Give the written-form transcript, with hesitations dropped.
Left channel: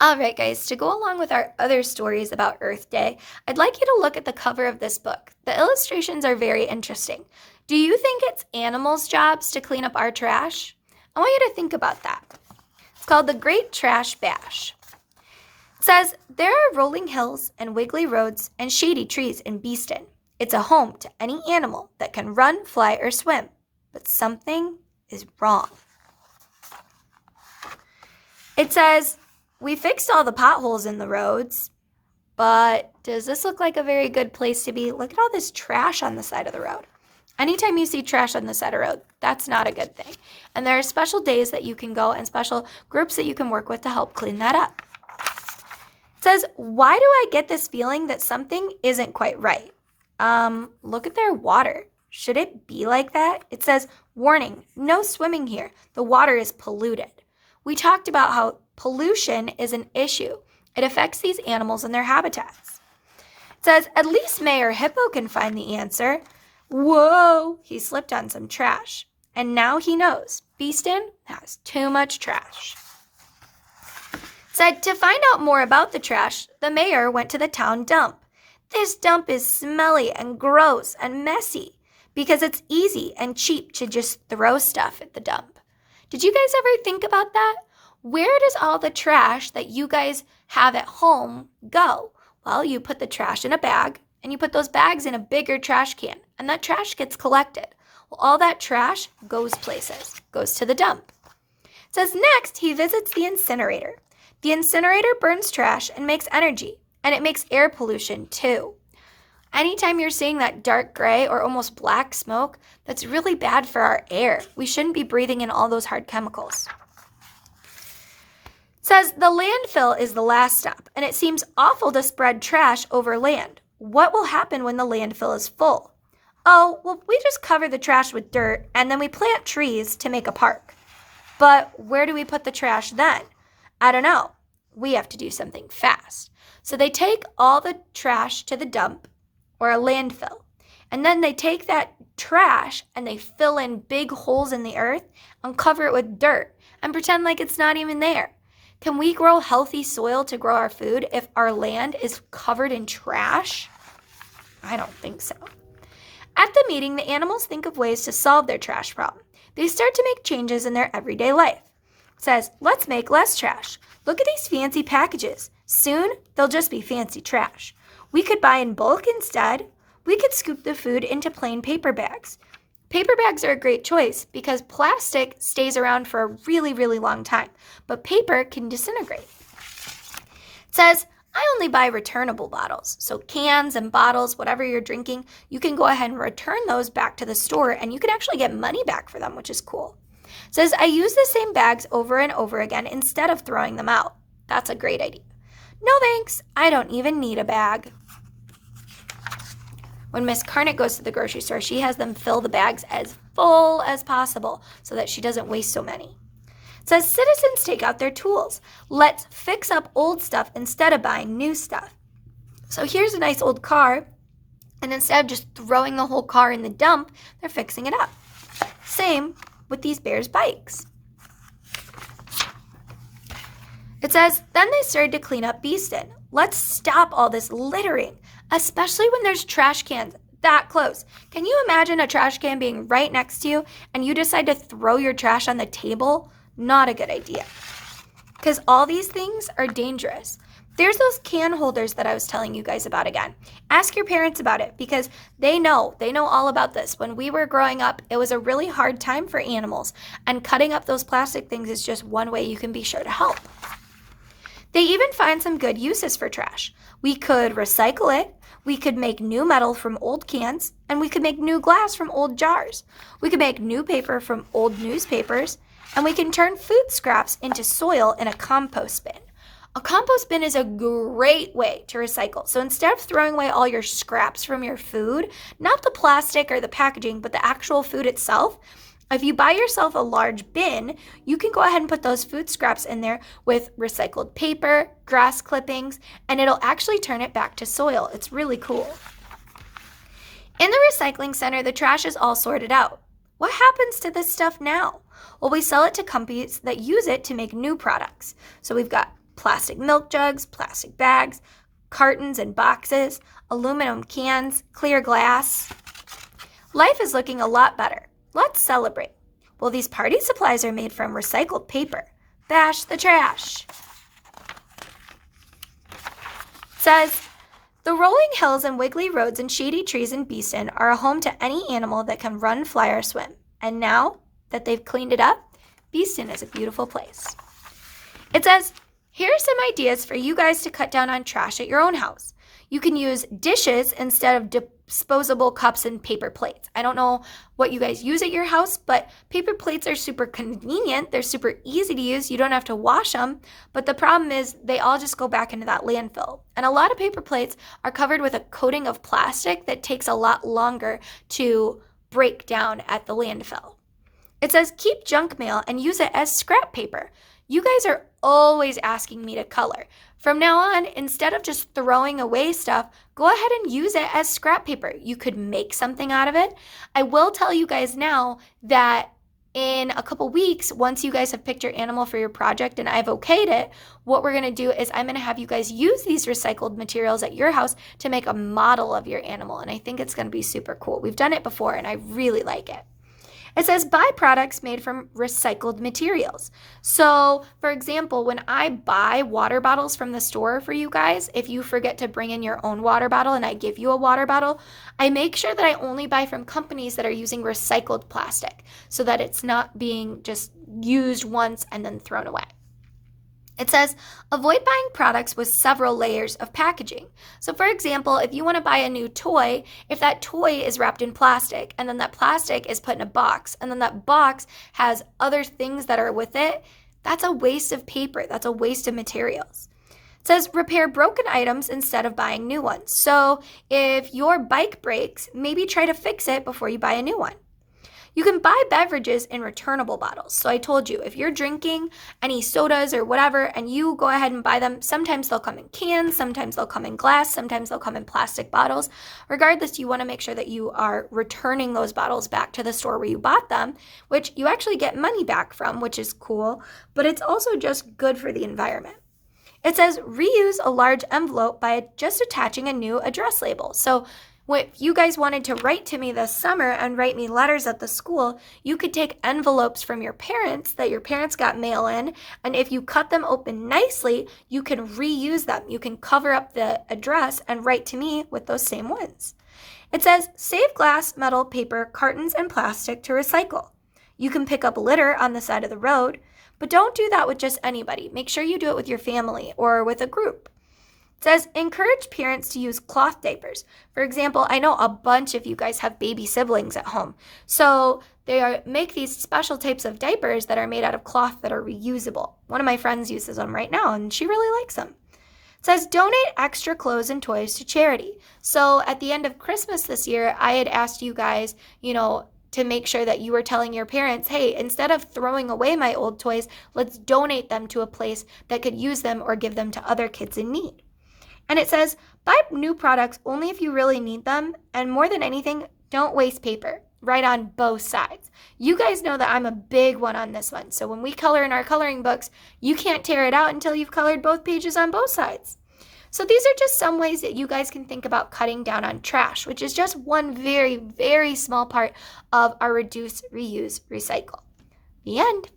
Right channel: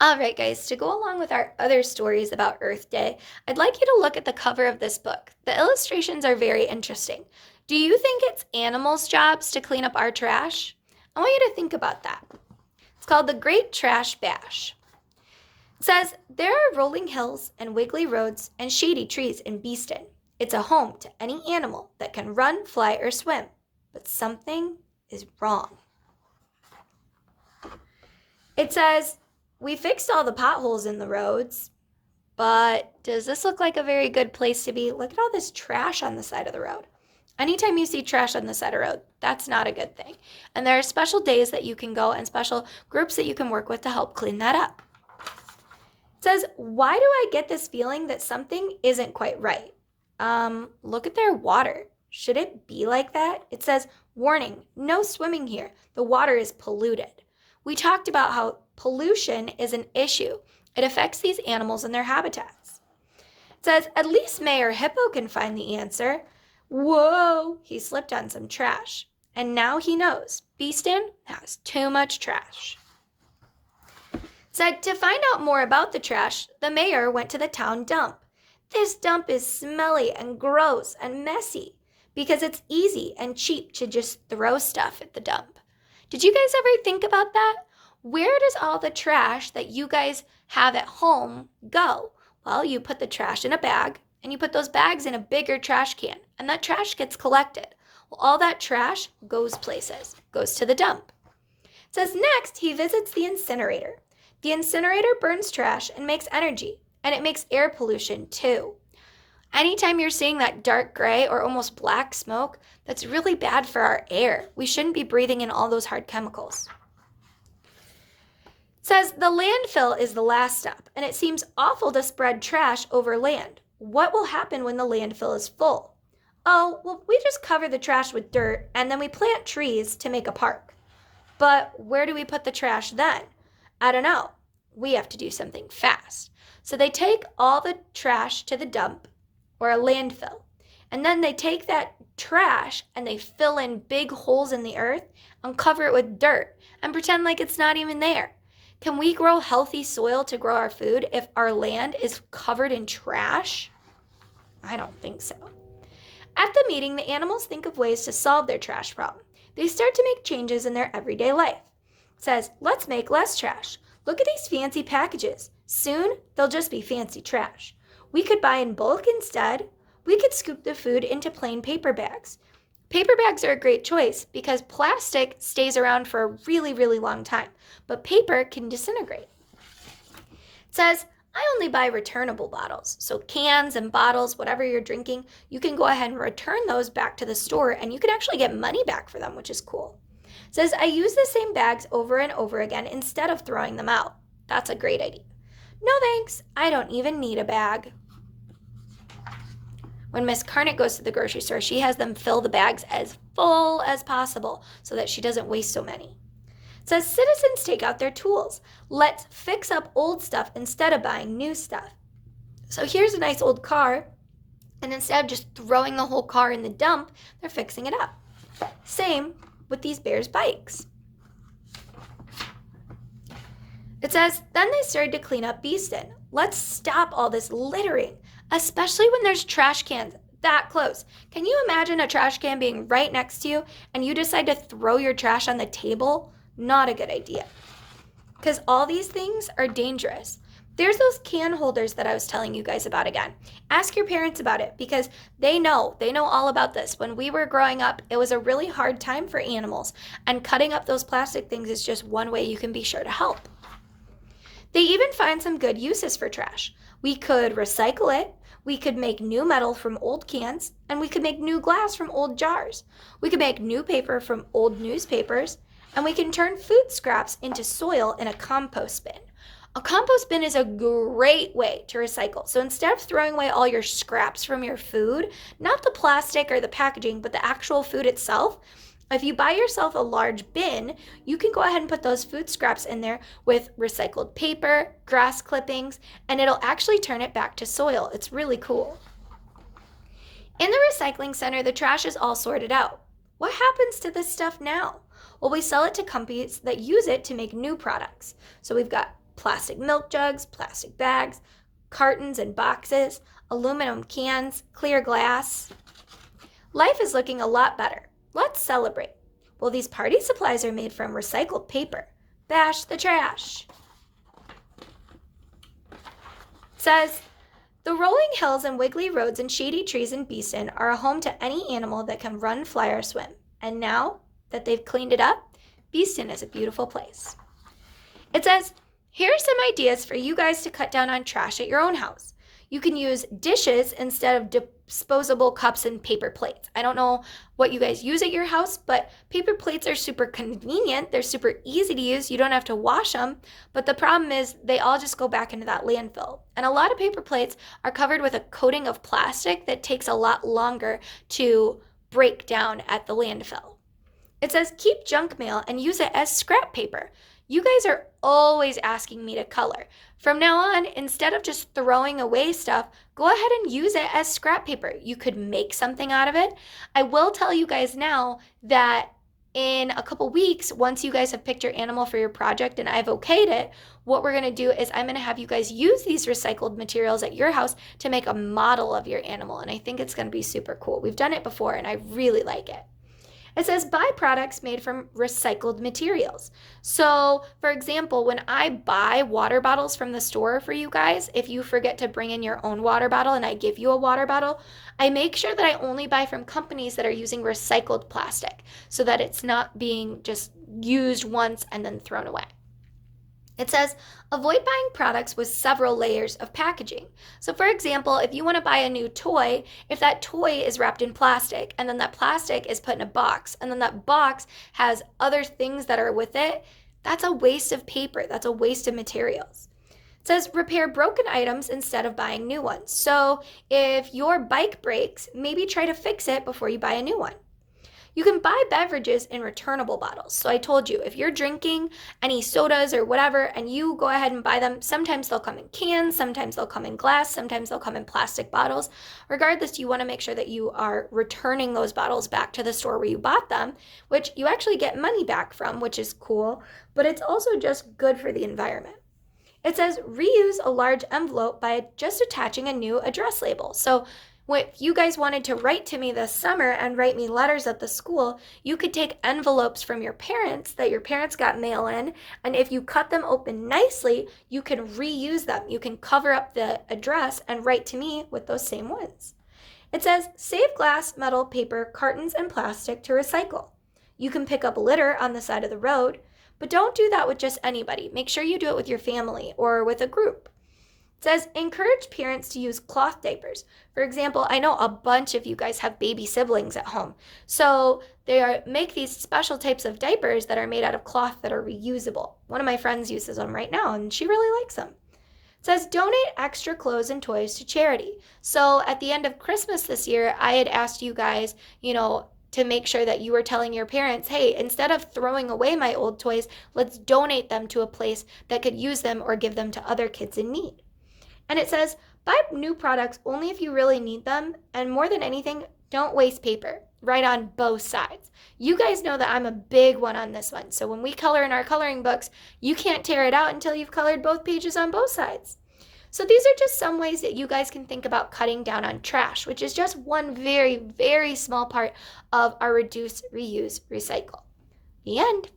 All right, guys, to go along with our other stories about Earth Day, I'd like you to look at the cover of this book. The illustrations are very interesting. Do you think it's animals' jobs to clean up our trash? I want you to think about that. It's called the Great Trash Bash. It says, there are rolling hills and wiggly roads and shady trees in Beeston. It's a home to any animal that can run, fly, or swim. But something is wrong. It says, we fixed all the potholes in the roads, but does this look like a very good place to be? Look at all this trash on the side of the road. Anytime you see trash on the side of the road, that's not a good thing. And there are special days that you can go and special groups that you can work with to help clean that up. It says, why do I get this feeling that something isn't quite right? Look at their water. Should it be like that? It says, warning, no swimming here. The water is polluted. We talked about how pollution is an issue. It affects these animals and their habitats. It says, at least Mayor Hippo can find the answer. Whoa, he slipped on some trash. And now he knows Beeston has too much trash. It said, to find out more about the trash, the mayor went to the town dump. This dump is smelly and gross and messy because it's easy and cheap to just throw stuff at the dump. Did you guys ever think about that? Where does all the trash that you guys have at home go? Well, you put the trash in a bag, and you put those bags in a bigger trash can, and that trash gets collected. Well, all that trash goes places, goes to the dump. It says next, he visits the incinerator. The incinerator burns trash and makes energy, and it makes air pollution too. Anytime you're seeing that dark gray or almost black smoke, that's really bad for our air. We shouldn't be breathing in all those hard chemicals. It says the landfill is the last stop, and it seems awful to spread trash over land. What will happen when the landfill is full? Oh, well, we just cover the trash with dirt, and then we plant trees to make a park. But where do we put the trash then? I don't know. We have to do something fast. So they take all the trash to the dump or a landfill, and then they take that trash and they fill in big holes in the earth and cover it with dirt and pretend like it's not even there. Can we grow healthy soil to grow our food if our land is covered in trash? I don't think so. At the meeting, the animals think of ways to solve their trash problem. They start to make changes in their everyday life. It says, let's make less trash. Look at these fancy packages. Soon, they'll just be fancy trash. We could buy in bulk instead. We could scoop the food into plain paper bags. Paper bags are a great choice because plastic stays around for a really, really long time, but paper can disintegrate. It says, I only buy returnable bottles, so cans and bottles, whatever you're drinking, you can go ahead and return those back to the store, and you can actually get money back for them, which is cool. It says, I use the same bags over and over again instead of throwing them out. That's a great idea. No thanks, I don't even need a bag. When Miss Carnett goes to the grocery store, she has them fill the bags as full as possible so that she doesn't waste so many. It says citizens take out their tools. Let's fix up old stuff instead of buying new stuff. So here's a nice old car, and instead of just throwing the whole car in the dump, they're fixing it up. Same with these bears' bikes. It says, then they started to clean up Beeston. Let's stop all this littering, especially when there's trash cans that close. Can you imagine a trash can being right next to you and you decide to throw your trash on the table? Not a good idea. Because all these things are dangerous. There's those can holders that I was telling you guys about again. Ask your parents about it because they know all about this. When we were growing up, it was a really hard time for animals, and cutting up those plastic things is just one way you can be sure to help. They even find some good uses for trash. We could recycle it, we could make new metal from old cans, and we could make new glass from old jars. We could make new paper from old newspapers, and we can turn food scraps into soil in a compost bin. A compost bin is a great way to recycle. So instead of throwing away all your scraps from your food, not the plastic or the packaging, but the actual food itself, if you buy yourself a large bin, you can go ahead and put those food scraps in there with recycled paper, grass clippings, and it'll actually turn it back to soil. It's really cool. In the recycling center, the trash is all sorted out. What happens to this stuff now? Well, we sell it to companies that use it to make new products. So we've got plastic milk jugs, plastic bags, cartons and boxes, aluminum cans, clear glass. Life is looking a lot better. Let's celebrate. Well, these party supplies are made from recycled paper. Bash the trash. It says, the rolling hills and wiggly roads and shady trees in Beeston are a home to any animal that can run, fly, or swim. And now that they've cleaned it up, Beeston is a beautiful place. It says, here are some ideas for you guys to cut down on trash at your own house. You can use dishes instead of disposable cups and paper plates. I don't know what you guys use at your house, but paper plates are super convenient. They're super easy to use. You don't have to wash them. But the problem is they all just go back into that landfill. And a lot of paper plates are covered with a coating of plastic that takes a lot longer to break down at the landfill. It says keep junk mail and use it as scrap paper. You guys are always asking me to color. From now on, instead of just throwing away stuff, go ahead and use it as scrap paper. You could make something out of it. I will tell you guys now that in a couple weeks, once you guys have picked your animal for your project and I've okayed it, what we're going to do is I'm going to have you guys use these recycled materials at your house to make a model of your animal. And I think it's going to be super cool. We've done it before and I really like it. It says buy products made from recycled materials. So, for example, when I buy water bottles from the store for you guys, if you forget to bring in your own water bottle and I give you a water bottle, I make sure that I only buy from companies that are using recycled plastic so that it's not being just used once and then thrown away. It says, avoid buying products with several layers of packaging. So for example, if you want to buy a new toy, if that toy is wrapped in plastic and then that plastic is put in a box and then that box has other things that are with it, that's a waste of paper. That's a waste of materials. It says, repair broken items instead of buying new ones. So if your bike breaks, maybe try to fix it before you buy a new one. You can buy beverages in returnable bottles. So I told you, if you're drinking any sodas or whatever and you go ahead and buy them, sometimes they'll come in cans, sometimes they'll come in glass, sometimes they'll come in plastic bottles. Regardless, you want to make sure that you are returning those bottles back to the store where you bought them, which you actually get money back from, which is cool, but it's also just good for the environment. It says reuse a large envelope by just attaching a new address label. So if you guys wanted to write to me this summer and write me letters at the school, you could take envelopes from your parents that your parents got mail in, and if you cut them open nicely, you can reuse them. You can cover up the address and write to me with those same ones. It says, save glass, metal, paper, cartons, and plastic to recycle. You can pick up litter on the side of the road, but don't do that with just anybody. Make sure you do it with your family or with a group. It says, encourage parents to use cloth diapers. For example, I know a bunch of you guys have baby siblings at home. So they make these special types of diapers that are made out of cloth that are reusable. One of my friends uses them right now, and she really likes them. It says, donate extra clothes and toys to charity. So at the end of Christmas this year, I had asked you guys, to make sure that you were telling your parents, hey, instead of throwing away my old toys, let's donate them to a place that could use them or give them to other kids in need. And it says, buy new products only if you really need them. And more than anything, don't waste paper. Write on both sides. You guys know that I'm a big one on this one. So when we color in our coloring books, you can't tear it out until you've colored both pages on both sides. So these are just some ways that you guys can think about cutting down on trash, which is just one very, very small part of our reduce, reuse, recycle. The end.